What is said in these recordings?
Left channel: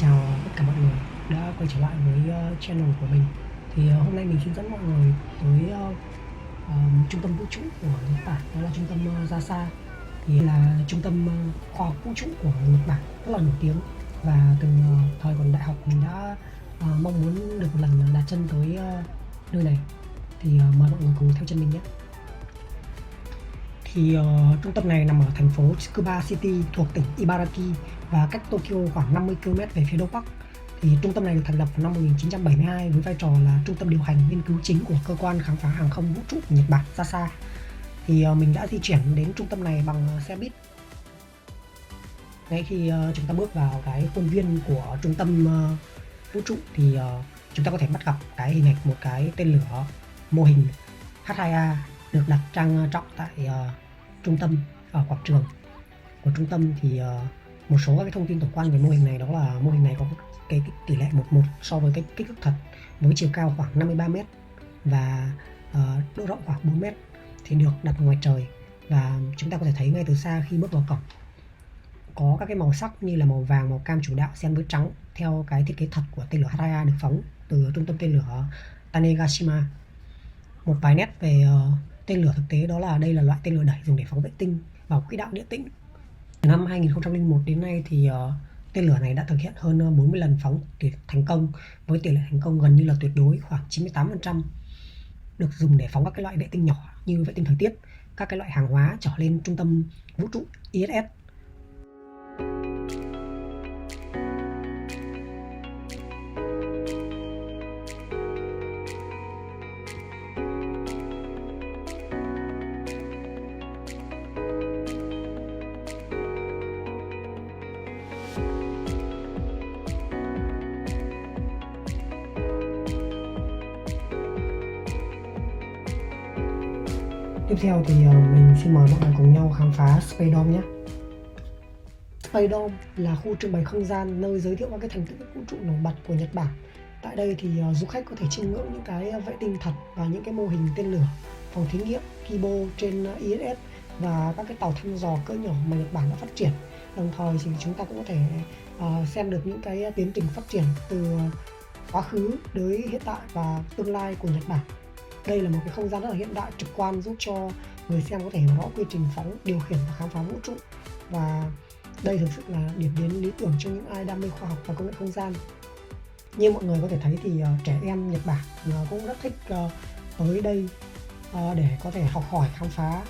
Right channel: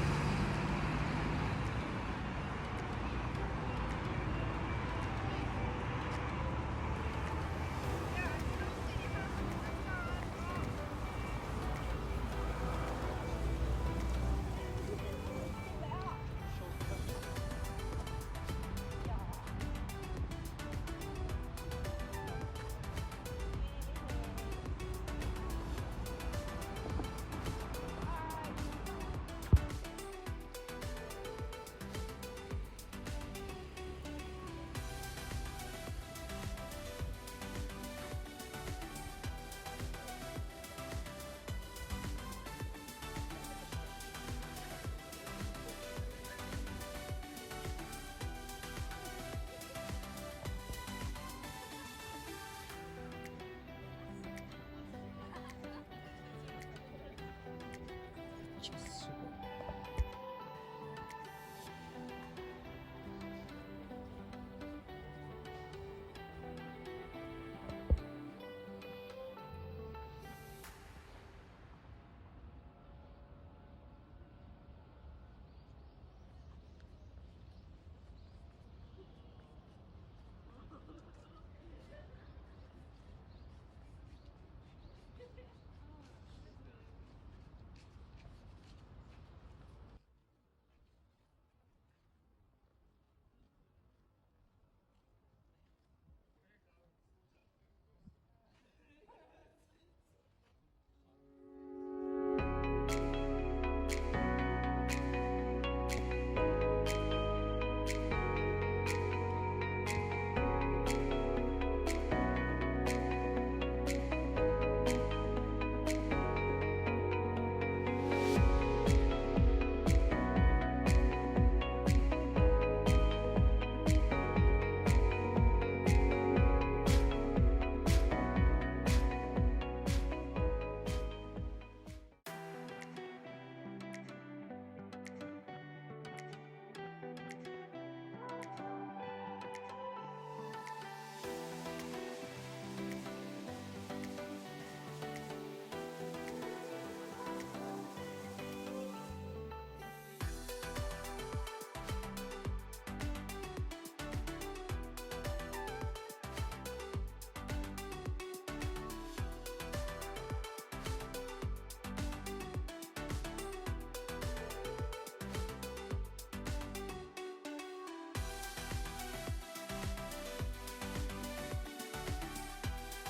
chào tất cả mọi người đã quay trở lại với channel của mình. Hôm nay mình xin dẫn mọi người tới một trung tâm vũ trụ của Nhật Bản, đó là trung tâm JAXA. Thì là trung tâm khoa học vũ trụ của Nhật Bản rất là nổi tiếng, và từ thời còn đại học mình đã mong muốn được một lần đặt chân tới nơi này. Thì mời mọi người cùng theo chân mình nhé. Trung tâm này nằm ở thành phố Tsukuba City thuộc tỉnh Ibaraki và cách Tokyo khoảng 50 km về phía đông bắc. Trung tâm này được thành lập vào năm 1972 với vai trò là trung tâm điều hành nghiên cứu chính của cơ quan khám phá hàng không vũ trụ của Nhật Bản JAXA. Mình đã di chuyển đến trung tâm này bằng xe buýt. Ngay khi chúng ta bước vào cái khuôn viên của trung tâm vũ trụ thì chúng ta có thể bắt gặp cái hình ảnh một cái tên lửa mô hình H2A được đặt trang trọng tại trung tâm, ở quảng trường của trung tâm. Một số các cái thông tin tổng quan về mô hình này, đó là mô hình này có cái tỷ lệ 1:1 so với cái kích thước thật, với chiều cao khoảng 53 m và độ rộng khoảng 4 m, thì được đặt ngoài trời. Và chúng ta có thể thấy ngay từ xa khi bước vào cổng có các cái màu sắc như là màu vàng, màu cam chủ đạo xen với trắng theo cái thiết kế thật của tên lửa H2A được phóng từ trung tâm tên lửa Tanegashima. Một vài nét về tên lửa thực tế, đó là đây là loại tên lửa đẩy dùng để phóng vệ tinh vào quỹ đạo địa tĩnh. Từ năm 2001 đến nay thì tên lửa này đã thực hiện hơn 40 lần phóng thành công, với tỷ lệ thành công gần như là tuyệt đối, khoảng 98%, được dùng để phóng các cái loại vệ tinh nhỏ như vệ tinh thời tiết, các cái loại hàng hóa trở lên trung tâm vũ trụ ISS. Tiếp theo thì mình xin mời mọi người cùng nhau khám phá Space Dome nhé. Space Dome là khu trưng bày không gian nơi giới thiệu các cái thành tựu vũ trụ nổi bật của Nhật Bản. Tại đây thì du khách có thể chiêm ngưỡng những cái vệ tinh thật và những cái mô hình tên lửa, phòng thí nghiệm Kibo trên ISS và các cái tàu thăm dò cỡ nhỏ mà Nhật Bản đã phát triển. Đồng thời thì chúng ta cũng có thể xem được những cái tiến trình phát triển từ quá khứ đến hiện tại và tương lai của Nhật Bản. Đây là một cái không gian rất là hiện đại, trực quan, giúp cho người xem có thể rõ quy trình phóng, điều khiển và khám phá vũ trụ. Và đây thực sự là điểm đến lý tưởng cho những ai đam mê khoa học và công nghệ không gian. Như mọi người có thể thấy thì trẻ em Nhật Bản cũng rất thích tới đây để có thể học hỏi, khám phá.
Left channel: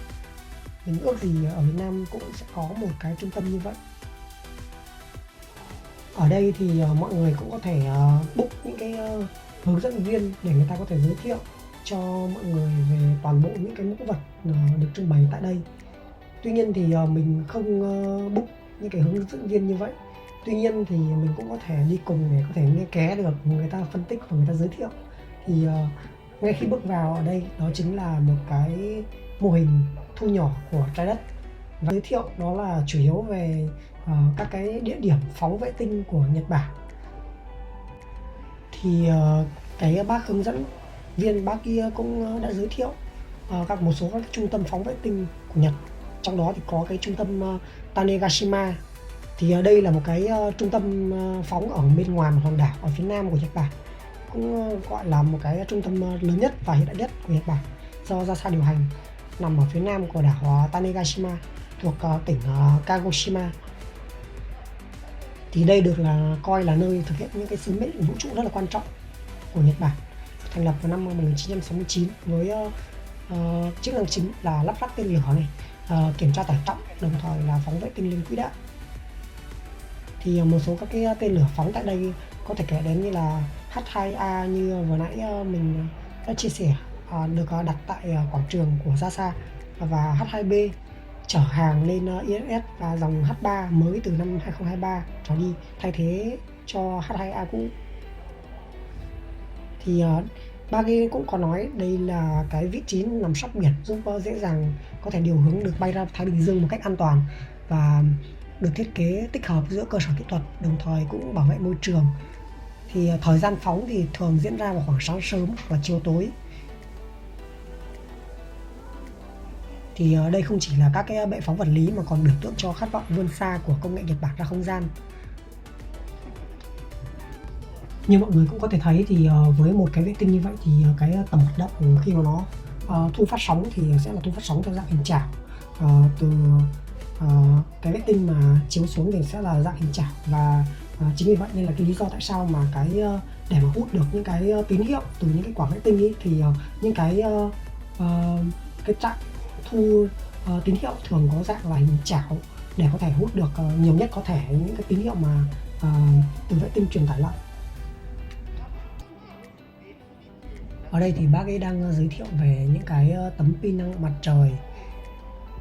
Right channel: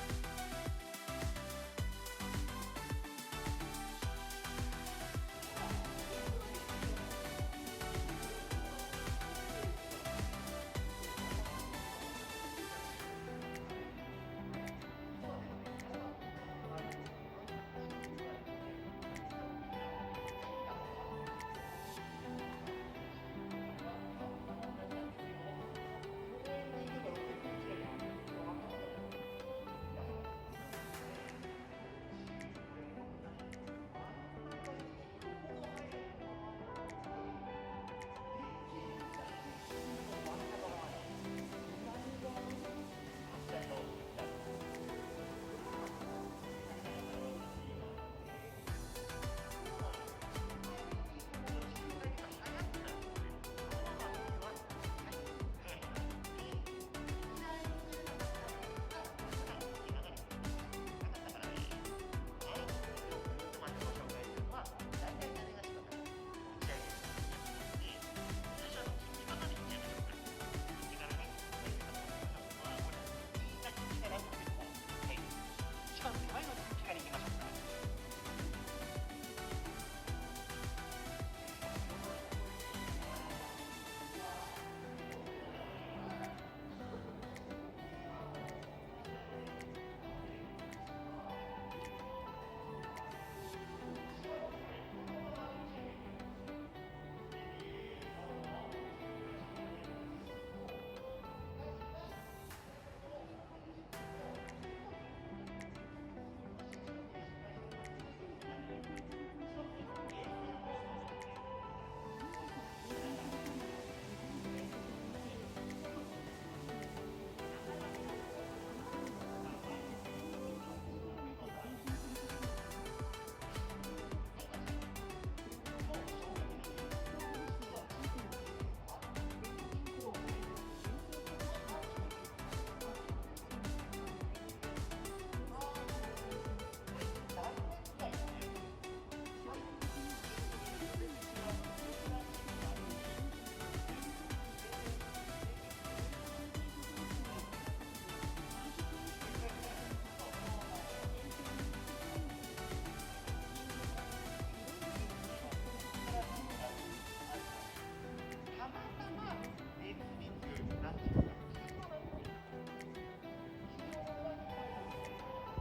Mình ước gì ở Việt Nam cũng sẽ có một cái trung tâm như vậy. Ở đây thì mọi người cũng có thể book những cái hướng dẫn viên để người ta có thể giới thiệu cho mọi người về toàn bộ những cái mẫu vật được trưng bày tại đây. Tuy nhiên thì mình không book những cái hướng dẫn viên như vậy. Tuy nhiên thì mình cũng có thể đi cùng để có thể nghe ké được người ta phân tích và người ta giới thiệu. Thì ngay khi bước vào ở đây, đó chính là một cái mô hình thu nhỏ của trái đất. Và giới thiệu đó là chủ yếu về các cái địa điểm phóng vệ tinh của Nhật Bản. Thì cái bác hướng dẫn viên, bác kia cũng đã giới thiệu một số các trung tâm phóng vệ tinh của Nhật. Trong đó thì có cái trung tâm Tanegashima. Thì đây là một cái trung tâm phóng ở bên ngoài một hòn đảo ở phía nam của Nhật Bản, cũng gọi là một cái trung tâm lớn nhất và hiện đại nhất của Nhật Bản do JAXA điều hành, nằm ở phía nam của đảo Tanegashima thuộc tỉnh Kagoshima. Thì đây được coi là nơi thực hiện những cái sứ mệnh vũ trụ rất là quan trọng của Nhật Bản, thành lập vào năm 1969 với chức năng chính là lắp ráp tên lửa này, kiểm tra tải trọng, đồng thời là phóng vệ tinh lên quỹ đạo. Thì một số các cái tên lửa phóng tại đây có thể kể đến như là H2A như vừa nãy mình đã chia sẻ, được đặt tại quảng trường của JAXA, và H2B chở hàng lên ISS, và dòng H3 mới từ năm 2023 trở đi thay thế cho H2A cũ. Thì bác ấy cũng có nói đây là cái vị trí nằm sóc biển, giúp dễ dàng có thể điều hướng được bay ra Thái Bình Dương một cách an toàn, và được thiết kế tích hợp giữa cơ sở kỹ thuật, đồng thời cũng bảo vệ môi trường. Thì thời gian phóng thì thường diễn ra vào khoảng sáng sớm và chiều tối. Thì đây không chỉ là các cái bệ phóng vật lý mà còn biểu tượng cho khát vọng vươn xa của công nghệ Nhật Bản ra không gian. Như mọi người cũng có thể thấy thì với một cái vệ tinh như vậy thì cái tầm hoạt động khi mà nó thu phát sóng thì sẽ là thu phát sóng theo dạng hình chảo. Từ cái vệ tinh mà chiếu xuống thì sẽ là dạng hình chảo, và chính vì vậy nên là cái lý do tại sao mà để mà hút được những cái tín hiệu từ những cái quả vệ tinh ấy, thì những cái trạm thu tín hiệu thường có dạng là hình chảo để có thể hút được nhiều nhất có thể những cái tín hiệu mà từ vệ tinh truyền tải lại. Ở đây thì bác ấy đang giới thiệu về những cái tấm pin năng lượng mặt trời.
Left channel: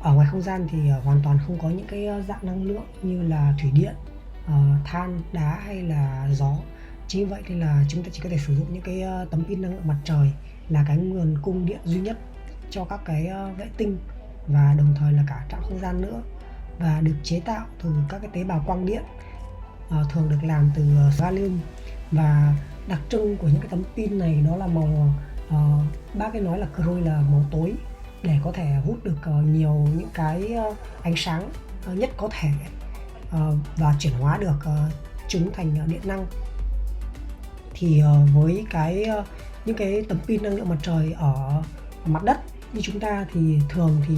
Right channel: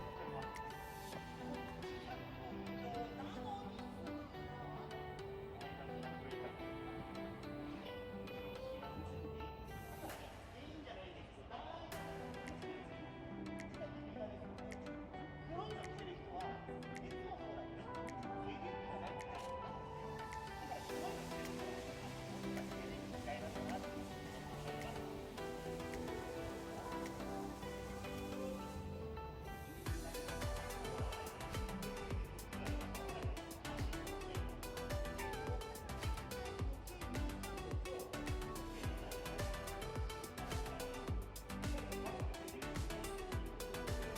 Ở ngoài không gian thì hoàn toàn không có những cái dạng năng lượng như là thủy điện, than, đá hay là gió. Chính vậy nên là chúng ta chỉ có thể sử dụng những cái tấm pin năng lượng mặt trời là cái nguồn cung điện duy nhất cho các cái vệ tinh, và đồng thời là cả trạm không gian nữa, và được chế tạo từ các cái tế bào quang điện, thường được làm từ gallium. Và đặc trưng của những cái tấm pin này đó là màu, bác ấy nói là croi là màu tối, để có thể hút được nhiều những cái ánh sáng nhất có thể, và chuyển hóa được chúng thành điện năng. Thì với những cái tấm pin năng lượng mặt trời ở mặt đất như chúng ta thì thường thì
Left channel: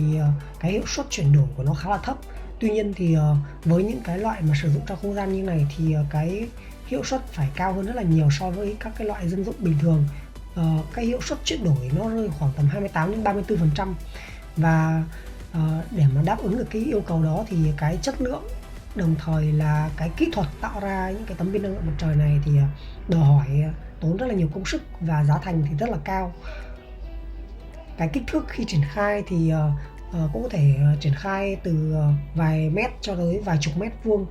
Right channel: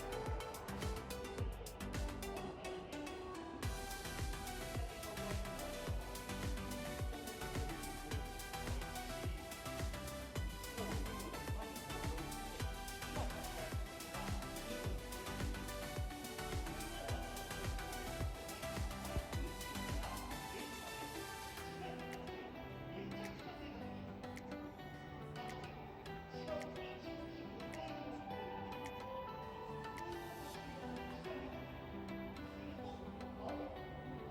cái hiệu suất chuyển đổi của nó khá là thấp. Tuy nhiên thì với những cái loại mà sử dụng trong không gian như này thì cái hiệu suất phải cao hơn rất là nhiều so với các cái loại dân dụng bình thường. Cái hiệu suất chuyển đổi nó rơi khoảng tầm 28 đến 34%, và để mà đáp ứng được cái yêu cầu đó thì cái chất lượng đồng thời là cái kỹ thuật tạo ra những cái tấm pin năng lượng mặt trời này thì đòi hỏi tốn rất là nhiều công sức, và giá thành thì rất là cao. Cái kích thước khi triển khai thì cũng có thể triển khai từ vài mét cho tới vài chục mét vuông.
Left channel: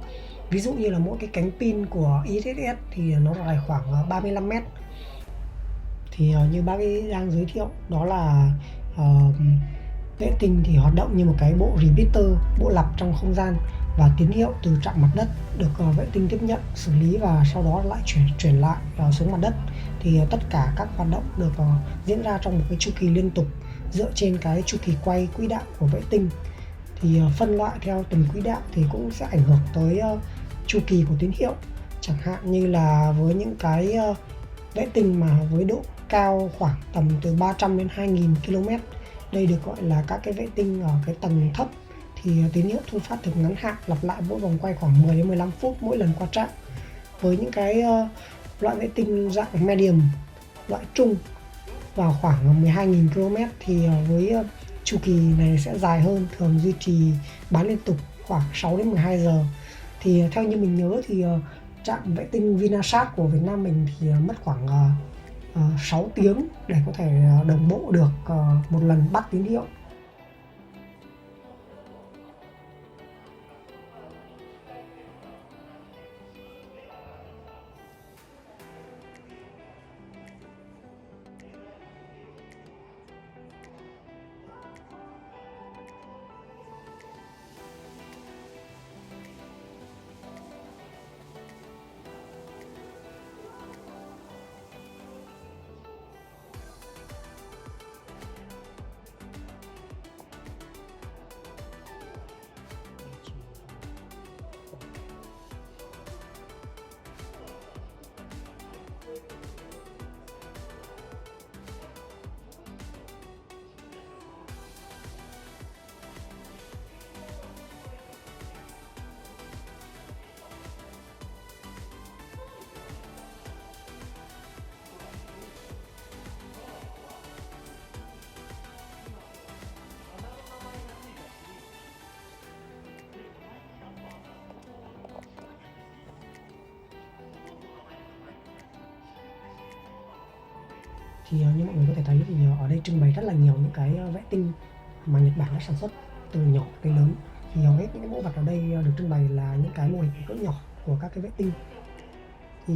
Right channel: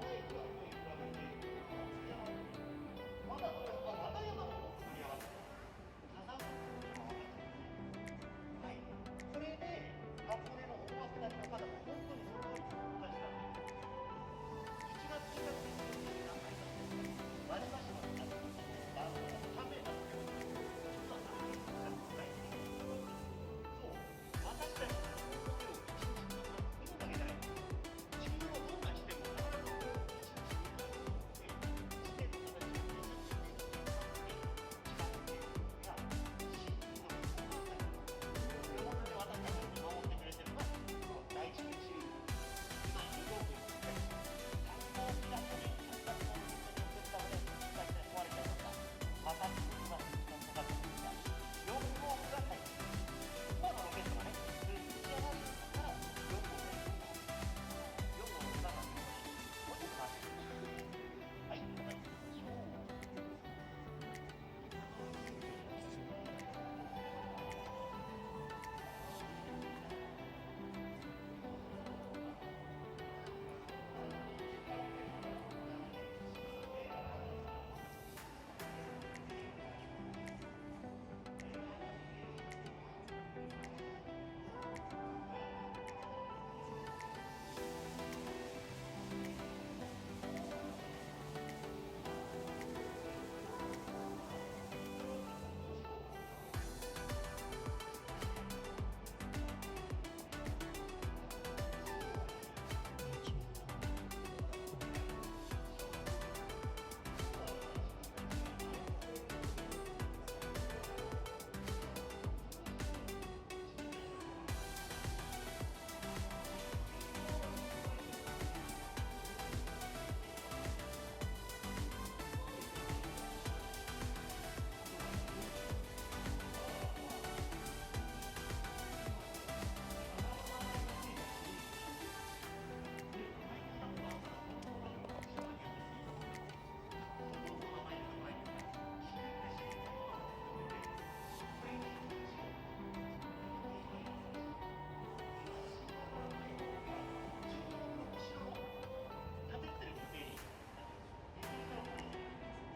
Ví dụ như là mỗi cái cánh pin của ISS thì nó dài khoảng 35 mét. Thì như bác ấy đang giới thiệu đó là vệ tinh thì hoạt động như một cái bộ repeater, bộ lặp trong không gian, và tín hiệu từ trạm mặt đất được vệ tinh tiếp nhận, xử lý và sau đó lại chuyển lại xuống mặt đất. Thì tất cả các hoạt động được diễn ra trong một cái chu kỳ liên tục dựa trên cái chu kỳ quay quỹ đạo của vệ tinh. Thì phân loại theo từng quỹ đạo thì cũng sẽ ảnh hưởng tới chu kỳ của tín hiệu. Chẳng hạn như là với những cái vệ tinh mà với độ cao khoảng tầm từ 300 đến 2000 km, đây được gọi là các cái vệ tinh ở cái tầng thấp, thì tín hiệu thu phát được ngắn hạn, lặp lại mỗi vòng quay khoảng 10 đến 15 phút mỗi lần qua trạm. Với những cái loại vệ tinh dạng medium, loại trung vào khoảng 12.000 km thì với chu kỳ này sẽ dài hơn, thường duy trì bán liên tục khoảng 6 đến 12 giờ. Thì theo như mình nhớ thì trạm vệ tinh Vinasat của Việt Nam mình thì mất khoảng 6 tiếng để có thể đồng bộ được một lần bắt tín hiệu. Thì như mọi người có thể thấy thì ở đây trưng bày rất là nhiều những cái vệ tinh mà Nhật Bản đã sản xuất từ nhỏ tới lớn. Thì hầu hết những cái mẫu vật ở đây được trưng bày là những cái mô hình cỡ nhỏ của các cái vệ tinh. Thì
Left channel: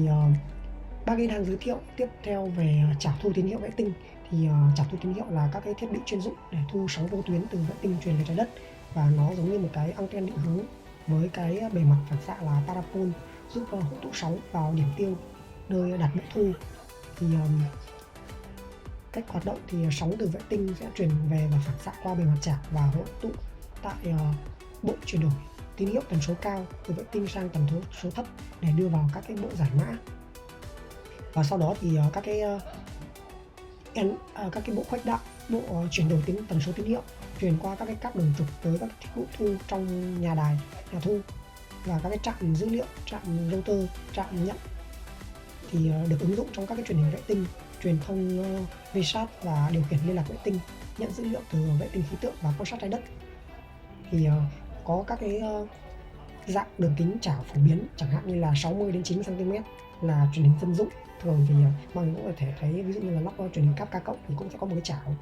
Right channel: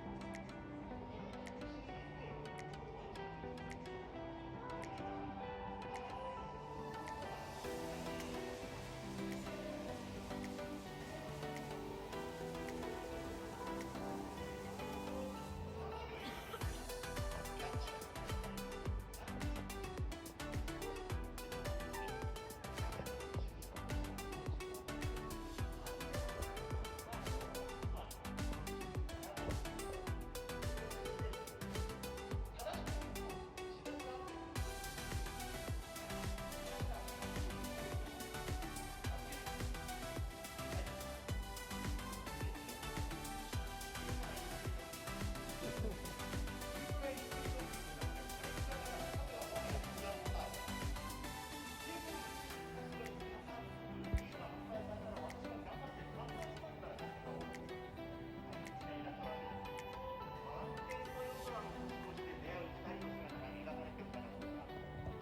bác ấy đang giới thiệu tiếp theo về trảo thu tín hiệu vệ tinh. Thì trảo thu tín hiệu là các cái thiết bị chuyên dụng để thu sóng vô tuyến từ vệ tinh truyền về trái đất, và nó giống như một cái anten định hướng với cái bề mặt phản xạ là parabol, giúp hấp thụ sóng vào điểm tiêu nơi đặt nước thu. Thì cách hoạt động thì sóng từ vệ tinh sẽ truyền về và phản xạ qua bề mặt chảo và hội tụ tại bộ chuyển đổi tín hiệu tần số cao từ vệ tinh sang tần số thấp để đưa vào các cái bộ giải mã. Và sau đó thì các cái bộ khuếch đại, bộ chuyển đổi tần số tín hiệu truyền qua các cái cáp đường trục tới các thiết bị thu trong nhà đài, nhà thu và các cái trạm dữ liệu, trạm router, trạm nhận thì được ứng dụng trong các cái truyền hình vệ tinh, truyền thông VSAT và điều khiển liên lạc vệ tinh, nhận dữ liệu từ vệ tinh khí tượng và quan sát trái đất. Thì có các cái dạng đường kính chảo phổ biến, chẳng hạn như là 60 đến 90 cm là truyền hình dân dụng. Thường thì mình cũng có thể thấy ví dụ như là lắp truyền hình cáp K cộng thì cũng sẽ có một cái chảo,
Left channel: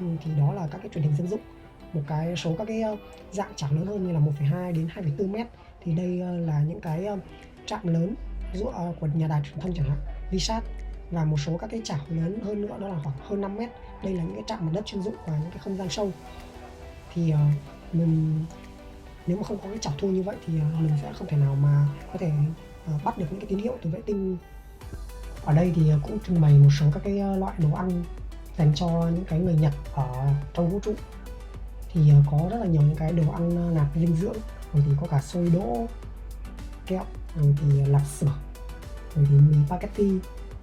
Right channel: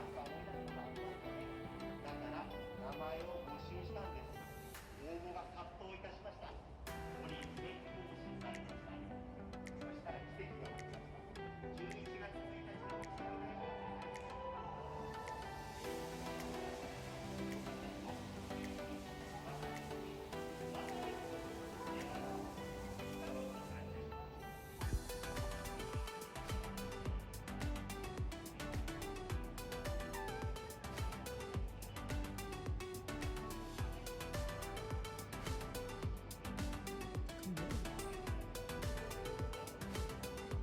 thì đó là các cái truyền hình dân dụng. Một cái số các cái dạng chảo lớn hơn như là 1,2 đến 2,4 mét thì đây là những cái trạm lớn của nhà đài truyền thông chẳng hạn, VSAT, và một số các cái chảo lớn hơn nữa đó là khoảng hơn 5 mét. Đây là những cái trạm mặt đất chuyên dụng và những cái không gian sâu. Thì mình nếu mà không có cái chảo thu như vậy thì mình sẽ không thể nào mà có thể bắt được những cái tín hiệu từ vệ tinh. Ở đây thì cũng trưng bày một số các cái loại đồ ăn dành cho những cái người Nhật ở trong vũ trụ. Thì có rất là nhiều những cái đồ ăn nạp dinh dưỡng, rồi thì có cả xôi đỗ, kẹo, rồi thì lạp xưởng, rồi thì mì spaghetti.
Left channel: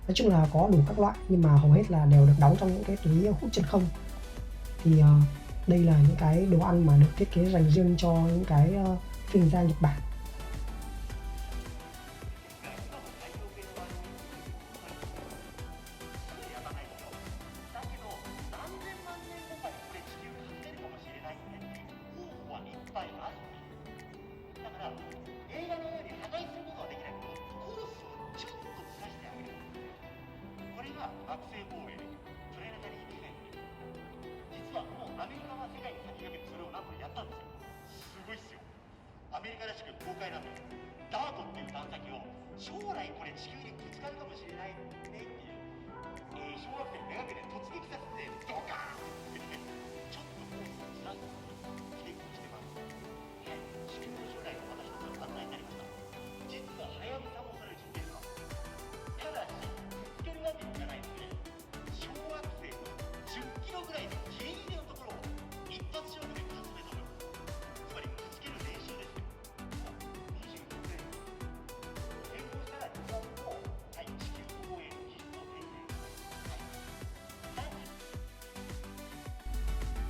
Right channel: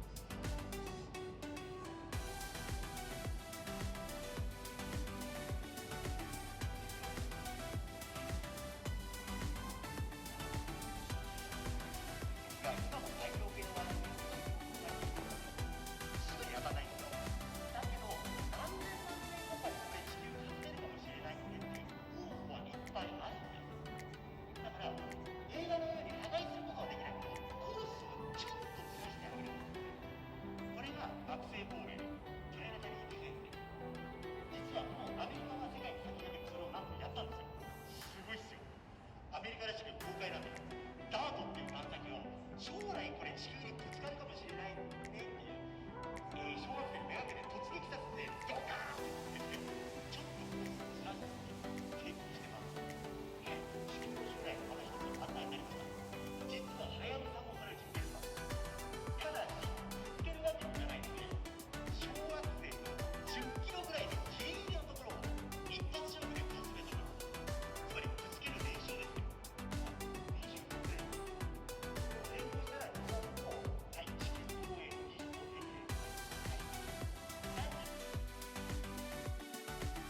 Nói chung là có đủ các loại, nhưng mà hầu hết là đều được đóng trong những cái túi hút chân không. Thì đây là những cái đồ ăn mà được thiết kế dành riêng cho những cái chuyên gia Nhật Bản.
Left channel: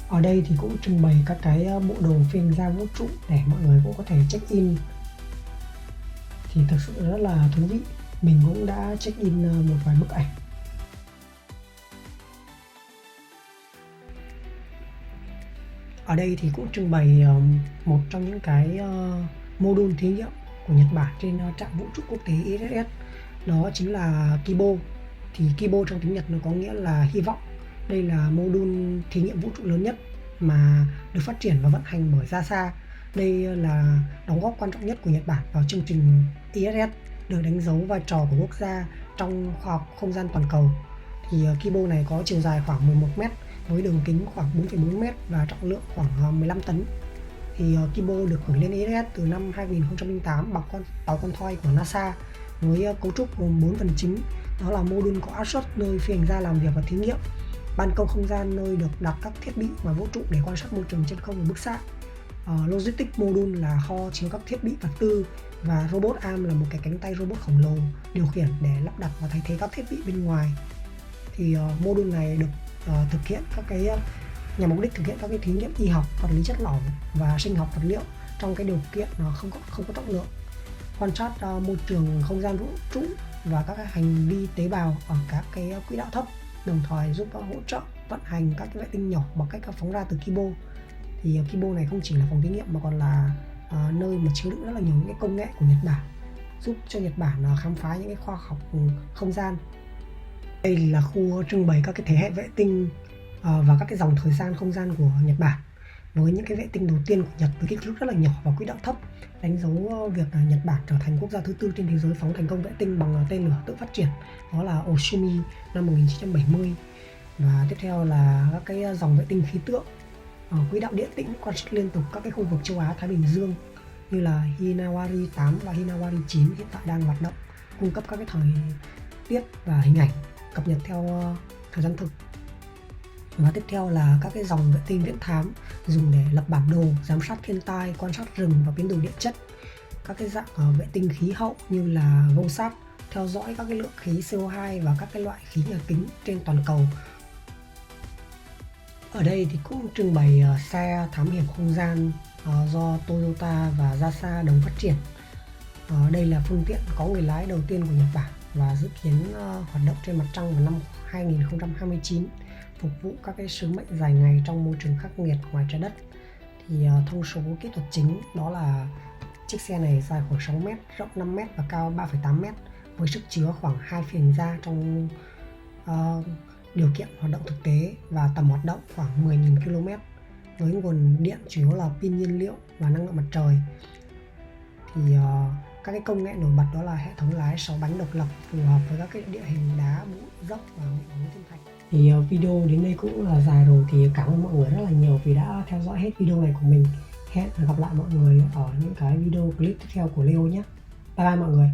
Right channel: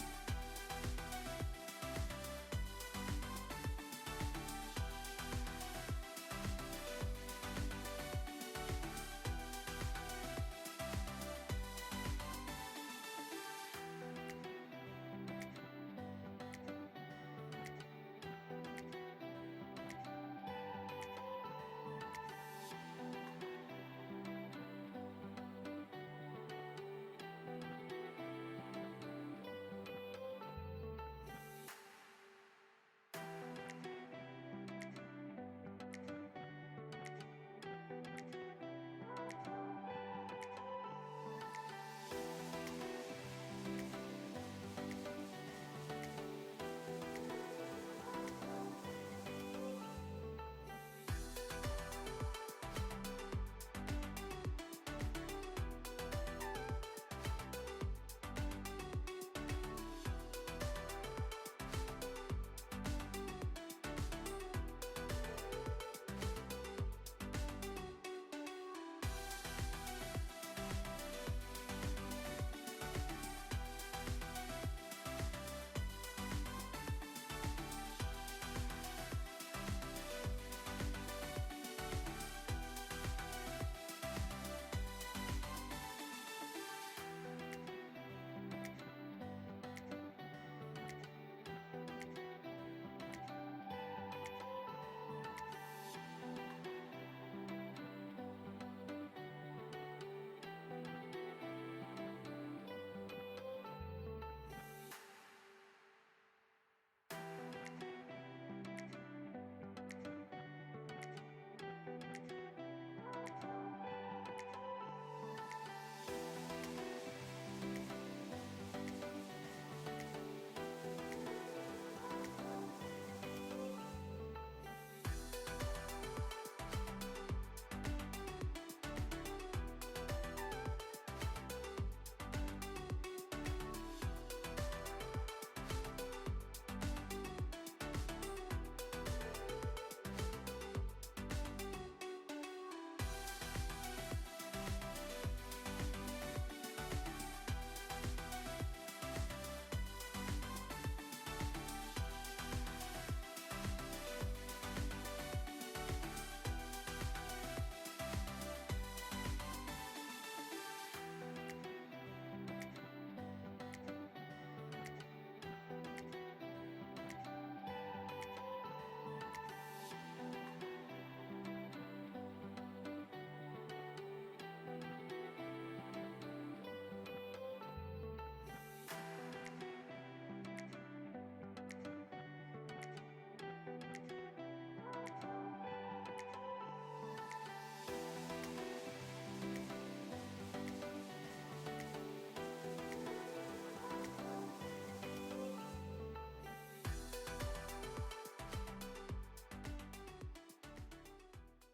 Ở đây thì cũng trưng bày các cái bộ đồ phiên ra vũ trụ để mọi người cũng có thể check in. Thì thực sự rất là thú vị. Mình cũng đã check in một vài bức ảnh. Ở đây thì cũng trưng bày một trong những cái mô đun thí nghiệm của Nhật Bản trên trạm vũ trụ quốc tế ISS. Đó chính là Kibo. Thì Kibo trong tiếng Nhật nó có nghĩa là hy vọng. Đây là mô đun thí nghiệm vũ trụ lớn nhất mà được phát triển và vận hành bởi JAXA. Đây là đóng góp quan trọng nhất của Nhật Bản vào chương trình ISS, được đánh dấu vai trò của quốc gia trong khoa học không gian toàn cầu. Thì Kibo này có chiều dài khoảng 11 mét với đường kính khoảng 4,4 mét và trọng lượng khoảng 15 tấn. Thì Kibo được gửi lên ISS từ năm 2008 bằng tàu con thoi của NASA với cấu trúc gồm 4 phần chính. Đó là mô đun có áp suất nơi phi hành gia làm việc và thí nghiệm, ban công không gian nơi được đặt các thiết bị ngoài vũ trụ để quan sát môi trường trên không và bức xạ, logistics module là kho chứa các thiết bị vật tư, và robot arm là một cái cánh tay robot khổng lồ điều khiển để lắp đặt và thay thế các thiết bị bên ngoài. Thì module này được thực hiện các cái nhằm mục đích thực hiện các cái thí nghiệm y học, vật lý chất lỏng và sinh học vật liệu trong cái điều kiện không có trọng lượng, quan sát môi trường không gian vũ trụ và các cái hành vi tế bào ở các cái quỹ đạo thấp, đồng thời giúp hỗ trợ vận hành các cái vệ tinh nhỏ bằng cách phóng ra từ Kibo. Thì Kibo này không chỉ là phòng thí nghiệm mà còn là nơi mà chứa đựng rất là nhiều những cái công nghệ của Nhật Bản, giúp cho Nhật Bản khám phá những cái khoa học không gian. Đây là khu trưng bày các cái thế hệ vệ tinh và các cái dòng thời gian không gian của Nhật Bản, với những cái vệ tinh đầu tiên của Nhật với kích thước rất là nhỏ và quỹ đạo thấp, đánh dấu việc Nhật Bản trở thành quốc gia thứ tư trên thế giới phóng thành công vệ tinh bằng tên lửa tự phát triển, đó là Oshimi năm 1970. Và tiếp theo là các cái dòng vệ tinh khí tượng quỹ đạo điện tĩnh quan sát liên tục các cái khu vực châu Á Thái Bình Dương như là Hinawari 8 và Hinawari 9 hiện tại đang hoạt động, cung cấp các cái thời tiết và hình ảnh cập nhật theo thời gian thực. Và tiếp theo là các cái dòng vệ tinh viễn thám dùng để lập bản đồ, giám sát thiên tai, quan sát rừng và biến đổi địa chất. Các cái dạng vệ tinh khí hậu như là GOSAT theo dõi các cái lượng khí CO2 và các cái loại khí nhà kính trên toàn cầu. Ở đây thì cũng trưng bày xe thám hiểm không gian do Toyota và JAXA đồng phát triển. Đây là phương tiện có người lái đầu tiên của Nhật Bản và dự kiến hoạt động trên mặt trăng vào năm 2029, phục vụ các cái sứ mệnh dài ngày trong môi trường khắc nghiệt ngoài trái đất. Thì thông số kỹ thuật chính đó là chiếc xe này dài khoảng 6 m, rộng 5 m và cao 3,8 m, với sức chứa khoảng 2 phi hành gia trong điều kiện hoạt động thực tế, và tầm hoạt động khoảng 10.000 km, với nguồn điện chủ yếu là pin nhiên liệu và năng lượng mặt trời. Thì các cái công nghệ nổi bật đó là hệ thống lái 6 bánh độc lập phù hợp với các cái địa hình đá dốc và thiên thạch. Thì video đến đây cũng là dài rồi, thì cảm ơn mọi người rất là nhiều vì đã theo dõi hết video này của mình. Hẹn gặp lại mọi người ở những cái video clip tiếp theo của Leo nhé. Bye bye mọi người.